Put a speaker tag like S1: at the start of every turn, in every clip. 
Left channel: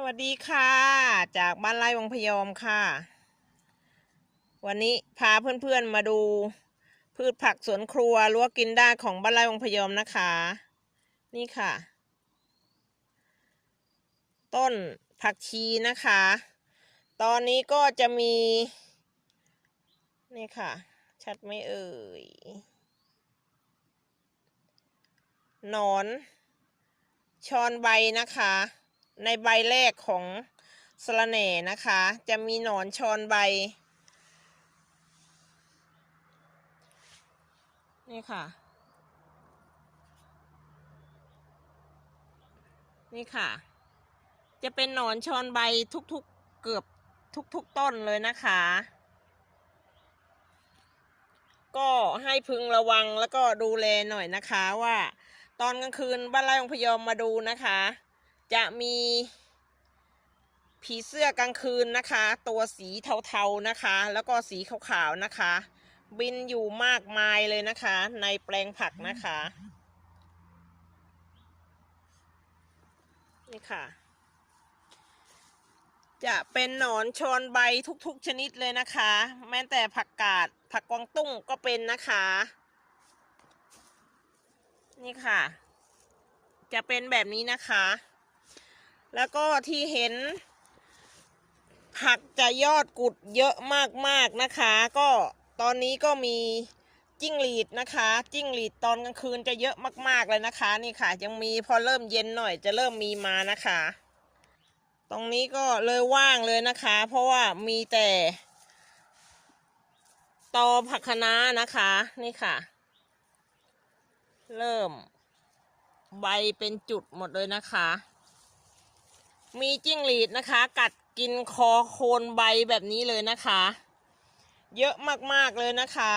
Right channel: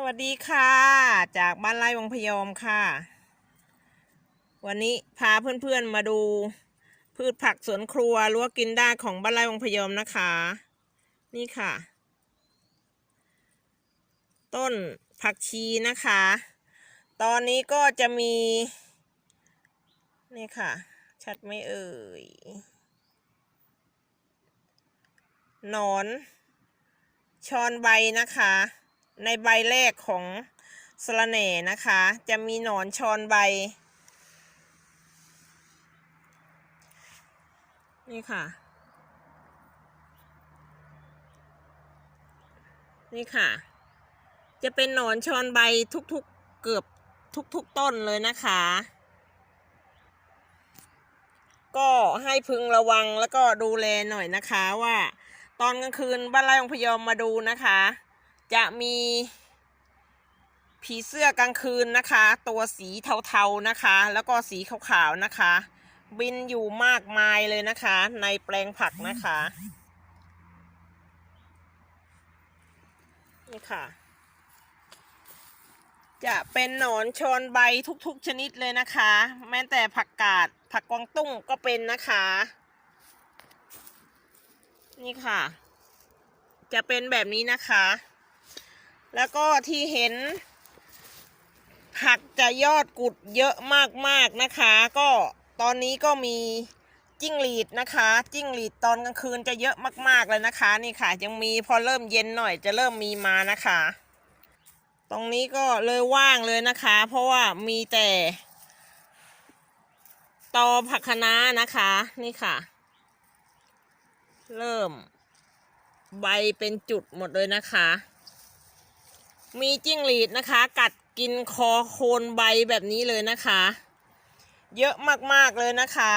S1: สวัสดีค่ะ จากบ้านไร่วังพยอมค่ะ วันนี้พาเพื่อนๆมาดู พืชผักสวนครัวรั้วกินได้ของบ้านไร่วังพยอมนะคะ นี่ค่ะ ต้นผักชีนะคะ ตอนนี้ก็จะมี นี่ค่ะ ชัดไม่เอ่ยหนอนชอนใบนะคะ ในใบแรกของสะระแหน่นะคะ จะมีหนอนชอนใบ นี่ค่ะ นี่ค่ะ จะเป็นหนอนชอนใบทุกๆเกือบทุกๆต้นเลยนะคะ ก็ให้พึงระวังแล้วก็ดูแลหน่อยนะคะว่า ตอนกลางคืนบ้านไร่องพยอมมาดูนะคะ จะมีผีเสื้อกลางคืนนะคะ ตัวสีเทาๆนะคะ แล้วก็สีขาวๆนะคะ บินอยู่มากมายเลยนะคะ ในแปลงผักนะคะนี่ค่ะ จะเป็นหนอนชอนใบทุกๆชนิดเลยนะคะ แม้แต่ผักกาดผักกวางตุ้งก็เป็นนะคะ นี่ค่ะ จะเป็นแบบนี้นะคะ แล้วก็ที่เห็น ผักจะยอดกุดเยอะมากๆนะคะ ก็ตอนนี้ก็มีจิ้งหรีดนะคะ จิ้งหรีดตอนกลางคืนจะเยอะมากๆเลยนะคะ นี่ค่ะ ยังมีพอเริ่มเย็นหน่อยจะเริ่มมีมานะคะ ตรงนี้ก็เลยว่างเลยนะคะ เพราะว่ามีแต่ตอผักคะน้านะคะนี่ค่ะ เริ่มใบเป็นจุดหมดเลยนะคะ มีจิ้งหรีดนะคะ กัดกินคอโคนใบแบบนี้เลยนะคะ เยอะมากๆเลยนะคะ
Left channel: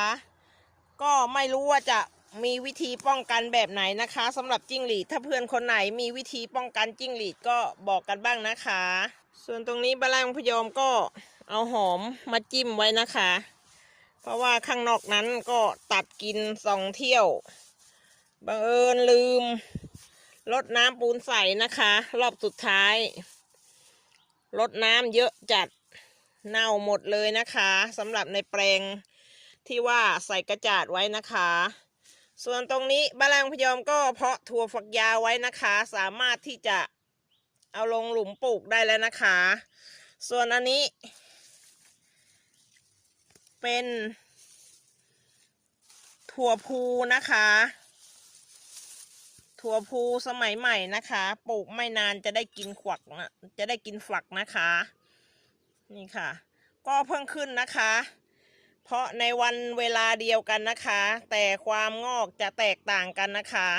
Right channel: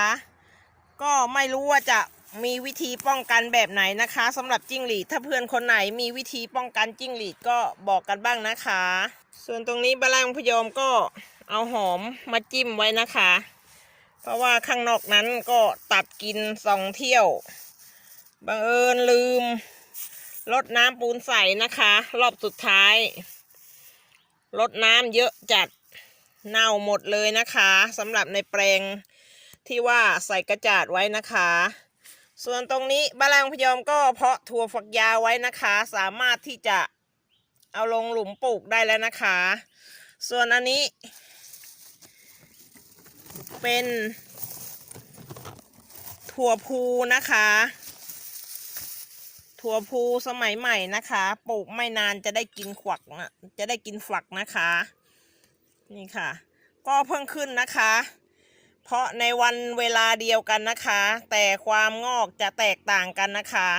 S1: ก็ไม่รู้ว่าจะมีวิธีป้องกันแบบไหนนะคะสำหรับจิ้งหรีดถ้าเพื่อนคนไหนมีวิธีป้องกันจิ้งหรีดก็บอกกันบ้างนะคะ ส่วนตรงนี้บะแรงพยอมก็เอาหอมมาจิ้มไว้นะคะ เพราะว่าข้างนอกนั้นก็ตัดกินสองเที่ยวบังเอิญลืม ลดน้ำปูนใส่นะคะ รอบสุดท้ายลดน้ำเยอะจัดเน่าหมดเลยนะคะสำหรับในแปลงที่ว่าใส่กระจาดไว้นะคะ ส่วนตรงนี้บาลางพยอมก็เพาะถั่วฝักยาวไว้นะคะ สามารถที่จะเอาลงหลุมปลูกได้แล้วนะคะ ส่วนอันนี้ เป็นถั่วพูนะคะ ถั่วพูสมัยใหม่นะคะ ปลูกไม่นานจะได้กินขวักนะจะได้กินฝักนะคะ นี่ค่ะ ก็เพิ่งขึ้นนะคะ เพราะในวันเวลาเดียวกันนะคะ แต่ความงอกจะแตกต่างกันนะคะ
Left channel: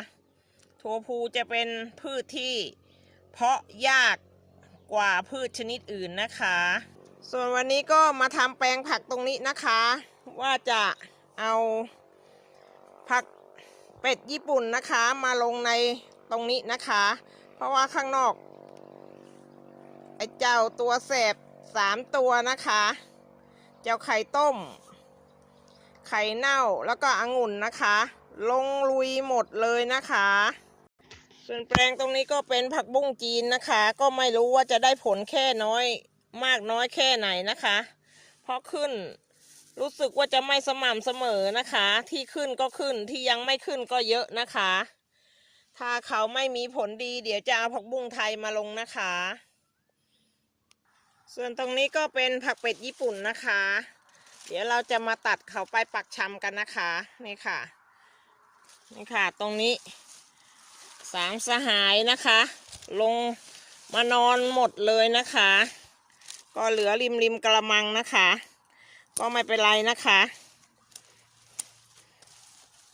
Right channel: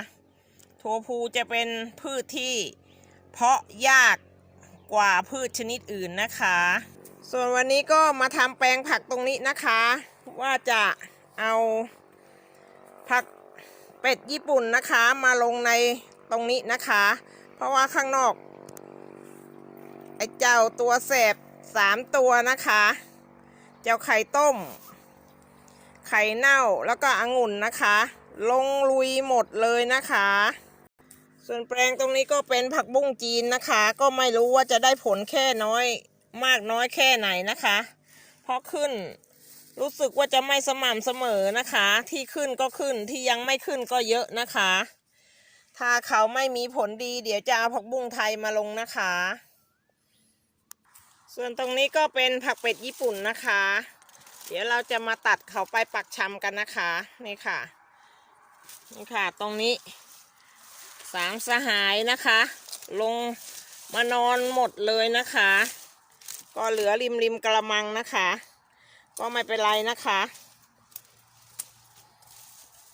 S1: ถั่วพูจะเป็นพืชที่ เพาะยากกว่าพืชชนิดอื่นนะคะ ส่วนวันนี้ก็มาทำแปลงผักตรงนี้นะคะ ว่าจะเอาผัก เป็ดญี่ปุ่นนะคะมาลงในตรงนี้นะคะ เพราะว่าข้างนอก ไอ้เจ้าตัวแสบสามตัวนะคะ เจ้าไข่ต้ม ไข่เน่าแล้วก็องุ่นนะคะ ลงลุยหมดเลยนะคะ ส่วนแปลงตรงนี้ก็เป็นผักบุ้งจีนนะคะ ก็ไม่รู้ว่าจะได้ผลแค่น้อย มากน้อยแค่ไหนนะคะ เพราะขึ้น รู้สึกว่าจะไม่สม่ำเสมอนะคะ ที่ขึ้นก็ขึ้นที่ยังไม่ขึ้นก็เยอะนะคะ ถ้าเขาไม่มีผลดีเดี๋ยวจะเอาผักบุ้งไทยมาลงนะคะ ส่วนตรงนี้ก็เป็นผักเป็ดญี่ปุ่นนะคะ เดี๋ยวเราจะมาตัดเขาไปปักชำกันนะคะนี่ค่ะนี่ค่ะ ตรงนี้สามสหายนะคะ ลงมานอนหมดเลยนะคะ ก็เหลือริมริมกระมังนะคะ ก็ไม่เป็นไรนะคะ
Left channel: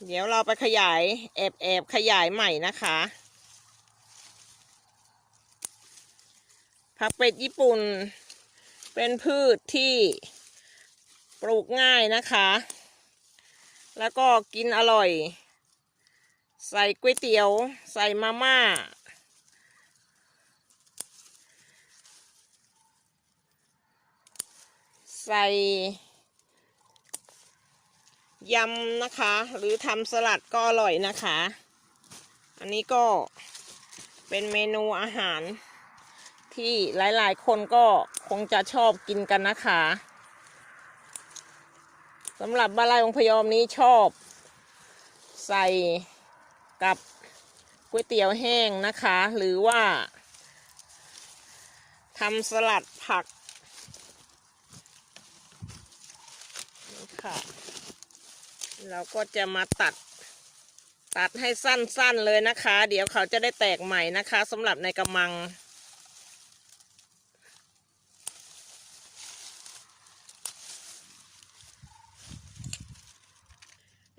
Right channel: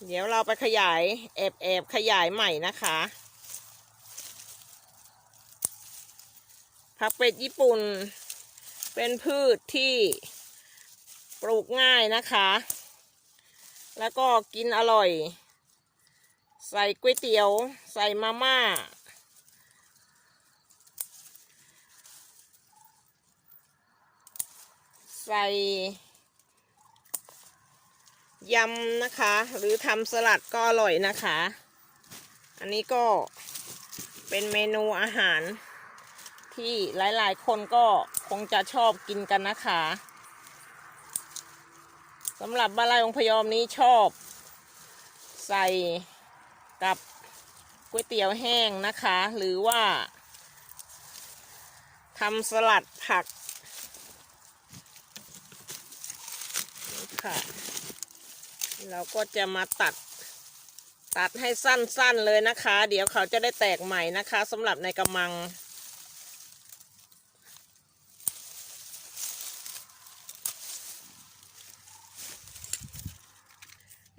S1: เดี๋ยวเราไปขยายแอบแอบขยายใหม่นะคะผักเป็ดญี่ปุ่น เป็นพืชที่ปลูกง่ายนะคะ แล้วก็กินอร่อย ใส่ก๋วยเตี๋ยว ใส่มาม่า ใส่ ยำนะคะ หรือทำสลัดก็อร่อยนะคะ อันนี้ก็เป็นเมนูอาหาร ที่หลายๆ คนก็คงจะชอบกินกันนะคะสำหรับบ้านไร่องพยอมนี้ชอบ ใส่กับก๋วยเตี๋ยวแห้งนะคะ หรือว่าทำสลัดผักค่ะ เราก็จะมาตัด ตัดให้สั้นๆเลยนะคะ เดี๋ยวเขาจะได้แตกใหม่นะคะสำหรับในกระมัง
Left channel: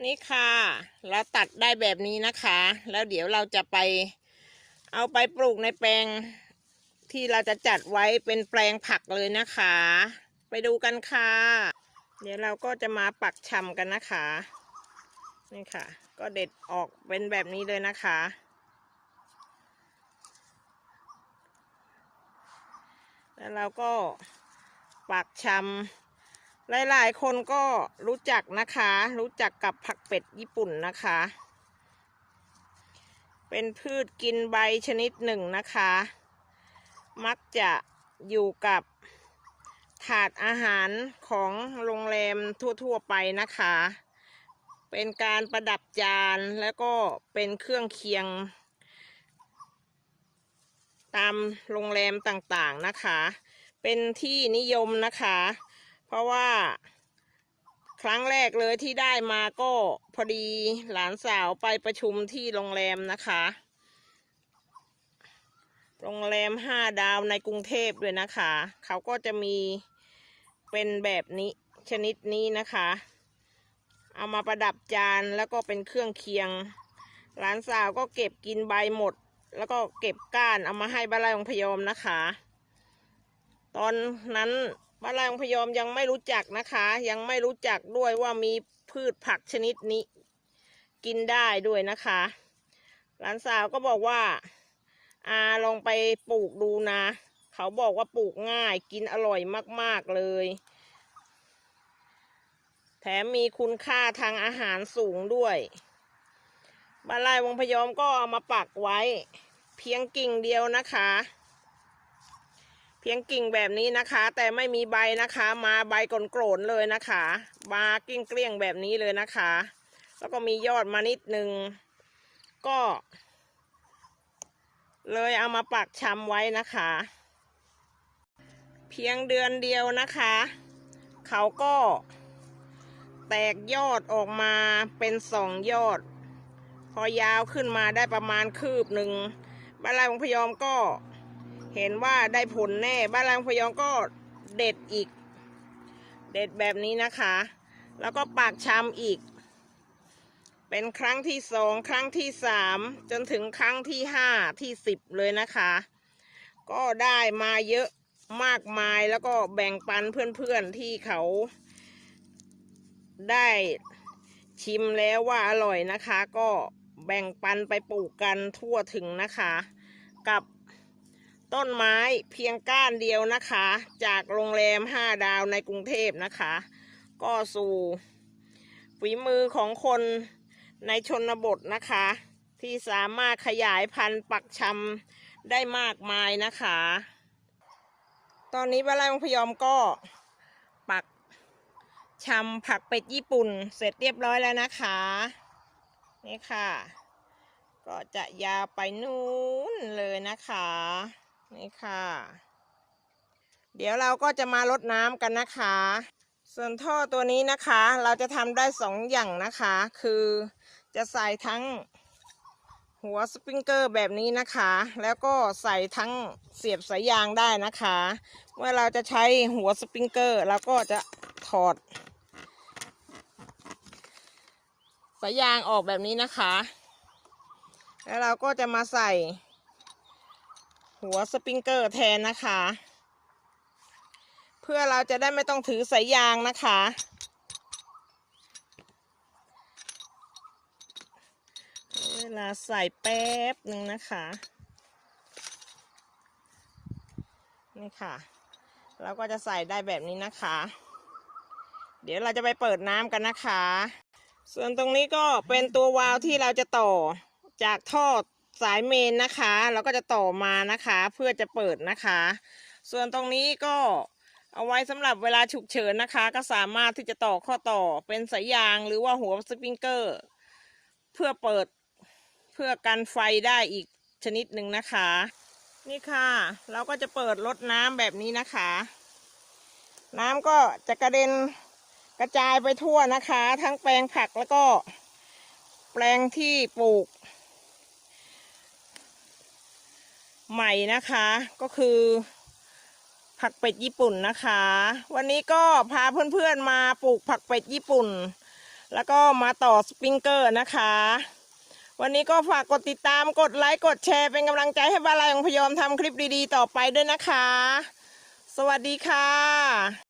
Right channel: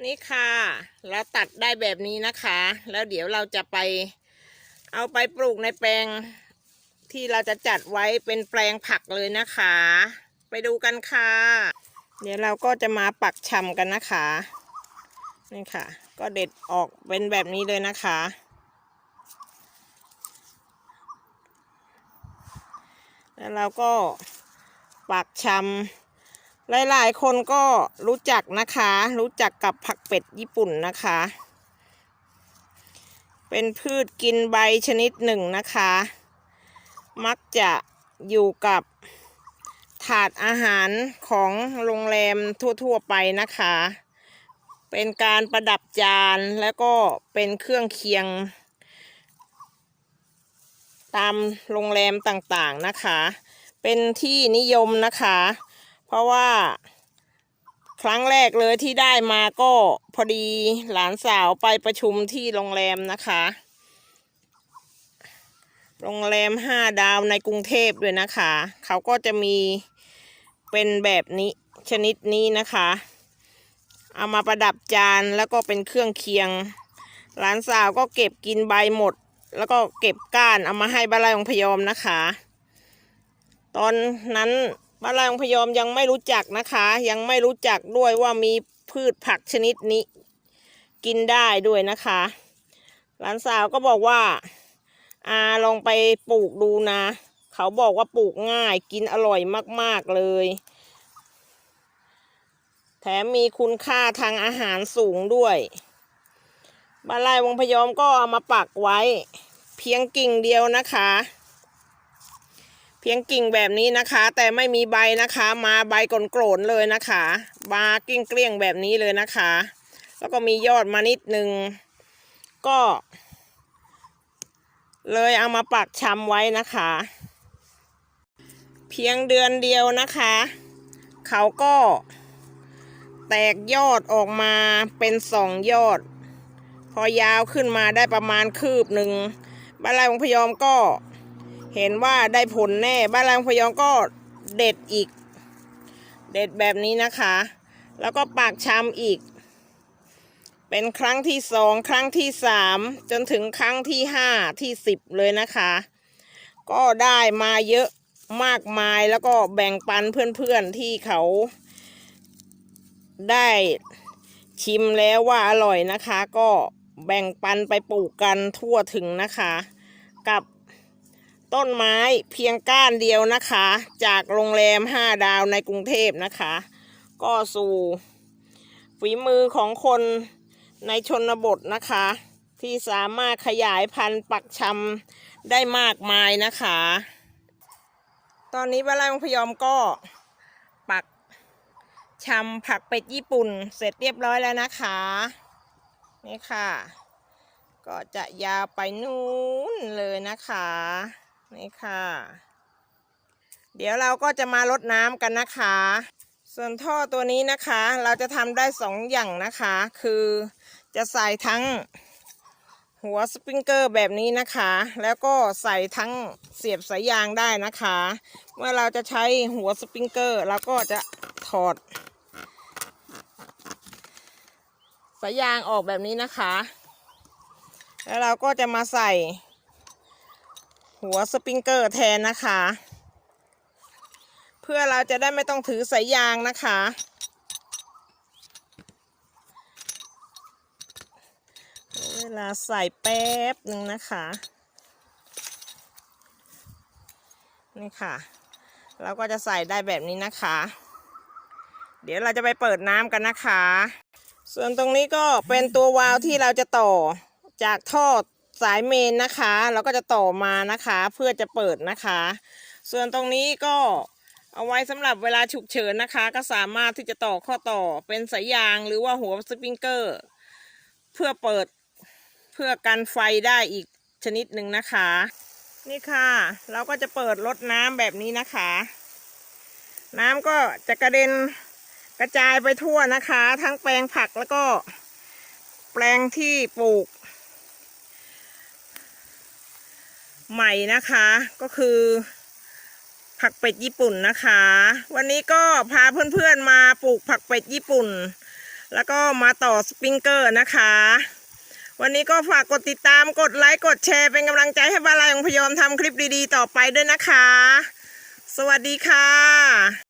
S1: นี่ค่ะแล้วตัดได้แบบนี้นะคะ แล้วเดี๋ยวเราจะไปเอาไปปลูกในแปลงที่เราจะจัดไว้เป็นแปลงผักเลยนะคะ ไปดูกันค่ะ เดี๋ยวเราก็จะมาปักชำกันนะคะ นี่ค่ะ ก็เด็ดออกเป็นแบบนี้เลยนะคะ แล้วเราก็ปักชำหลายๆ คนก็รู้จักนะคะ รู้จักกับผักเป็ดญี่ปุ่นนะคะ เป็นพืชกินใบชนิดหนึ่งนะคะ มักจะอยู่กับถาดอาหารของโรงแรมทั่ว ๆ ไปนะคะ เป็นการประดับจานแล้วก็เป็นเครื่องเคียง ตามโรงแรมต่างๆนะคะ เป็นที่นิยมนะคะ เพราะว่าครั้งแรกเลยที่ได้มาก็พอดีหลานสาวไปประชุมที่โรงแรมนะคะ โรงแรมห้าดาวในกรุงเทพด้วยนะคะ เขาก็จะมีเป็นแบบนี้ชนิดนี้นะคะ เอามาประดับจานแล้วก็เป็นเครื่องเคียง หลานสาวก็เก็บกินใบหมด แล้วก็เก็บก้านเอามาให้บ้านไร่องพยอมนะคะ ตอนนั้นบ้านไร่องพยอมยังไม่รู้จักนะคะ ยังไม่รู้จักด้วยว่ามีพืชผักชนิดนี้ กินได้ด้วยนะคะ หลานสาวก็บอกว่าอาลองไปปลูกดูนะ เขาบอกว่าปลูกง่ายกินอร่อยมากๆเลย แถมมีคุณค่าทางอาหารสูงด้วยบานไร่วงพยอมก็เอามาปักไว้ เพียงกิ่งเดียวนะคะ เพียงกิ่งแบบนี้นะคะ แต่ไม่มีใบนะคะ มาใบกลโกรนๆเลยนะคะบากิ้งเกลี้ยงๆแบบนี้เลยนะคะ แล้วก็มียอดมานิดนึงก็ เลยเอามาปักชำไว้นะคะ เพียงเดือนเดียวนะคะ เขาก็ แตกยอดออกมาเป็นสองยอด พอยาวขึ้นมาได้ประมาณคืบหนึ่งบ้านไร่ของพยอมก็เห็นว่าได้ผลแน่บ้านไร่ของพยอมก็เด็ดอีก เด็ดแบบนี้นะคะ แล้วก็ปากชำอีก เป็นครั้งที่สองครั้งที่สามจนถึงครั้งที่ห้าที่สิบเลยนะคะ ก็ได้มาเยอะมากมายแล้วก็แบ่งปันเพื่อนๆที่เขา ได้ชิมแล้วว่าอร่อยนะคะ ก็แบ่งปันไปปลูกกันทั่วถึงนะคะ กับต้นไม้เพียงก้านเดียวนะคะ จากโรงแรมห้าดาวในกรุงเทพนะคะ ก็สู่ฝีมือของคนในชนบทนะคะ ที่สามารถขยายพันธุ์ปักชำได้มากมายนะคะ ตอนนี้บ้านไร่ของพยอมก็ ชำผักเป็ดญี่ปุ่นเสร็จเรียบร้อยแล้วนะคะ นี่ค่ะ ก็จะยาวไปนู้นเลยนะคะ นี่ค่ะ เดี๋ยวเราก็จะมาลดน้ำกันนะคะ ส่วนท่อตัวนี้นะคะ เราจะทำได้สองอย่างนะคะ คือจะใส่ทั้งหัวสปริงเกอร์แบบนี้นะคะ แล้วก็ใส่ทั้งเสียบสายยางได้นะคะ เมื่อเราจะใช้หัวสปริงเกอร์เราก็จะถอด สายยางออกแบบนี้นะคะ แล้วเราก็จะมาใส่ หัวสปริงเกอร์แทนนะคะ เพื่อเราจะได้ไม่ต้องถือสายยางนะคะ เวลาใส่แป๊บนึงนะคะ นี่ค่ะ เราก็จะใส่ได้แบบนี้นะคะ เดี๋ยวเราจะไปเปิดน้ำกันนะคะ ส่วนตรงนี้ก็เป็นตัววาล์วที่เราจะต่อจากท่อสายเมนนะคะ เราก็จะต่อมานะคะ เพื่อจะเปิดนะคะ ส่วนตรงนี้ก็เอาไว้สำหรับเวลาฉุกเฉินนะคะ ก็สามารถที่จะต่อข้อต่อเป็นสายยางหรือว่าหัวสปริงเกอร์ เพื่อเปิดเพื่อกันไฟได้อีกชนิดหนึ่งนะคะ นี่ค่ะ เราก็จะเปิดรดน้ำแบบนี้นะคะ น้ำก็จะกระเด็น กระจายไปทั่วนะคะ ทั้งแปลงผักแล้วก็ แปลงที่ปลูก ใหม่นะคะ ก็คือ ผักเป็ดญี่ปุ่นนะคะ วันนี้ก็พาเพื่อนๆมาปลูกผักเป็ดญี่ปุ่น แล้วก็มาต่อสปริงเกอร์นะคะ วันนี้ก็ฝากกดติดตามกดไลค์กดแชร์เป็นกำลังใจให้บาลายของพยอมทำคลิปดีๆ ต่อไปด้วยนะคะ สวัสดีค่ะ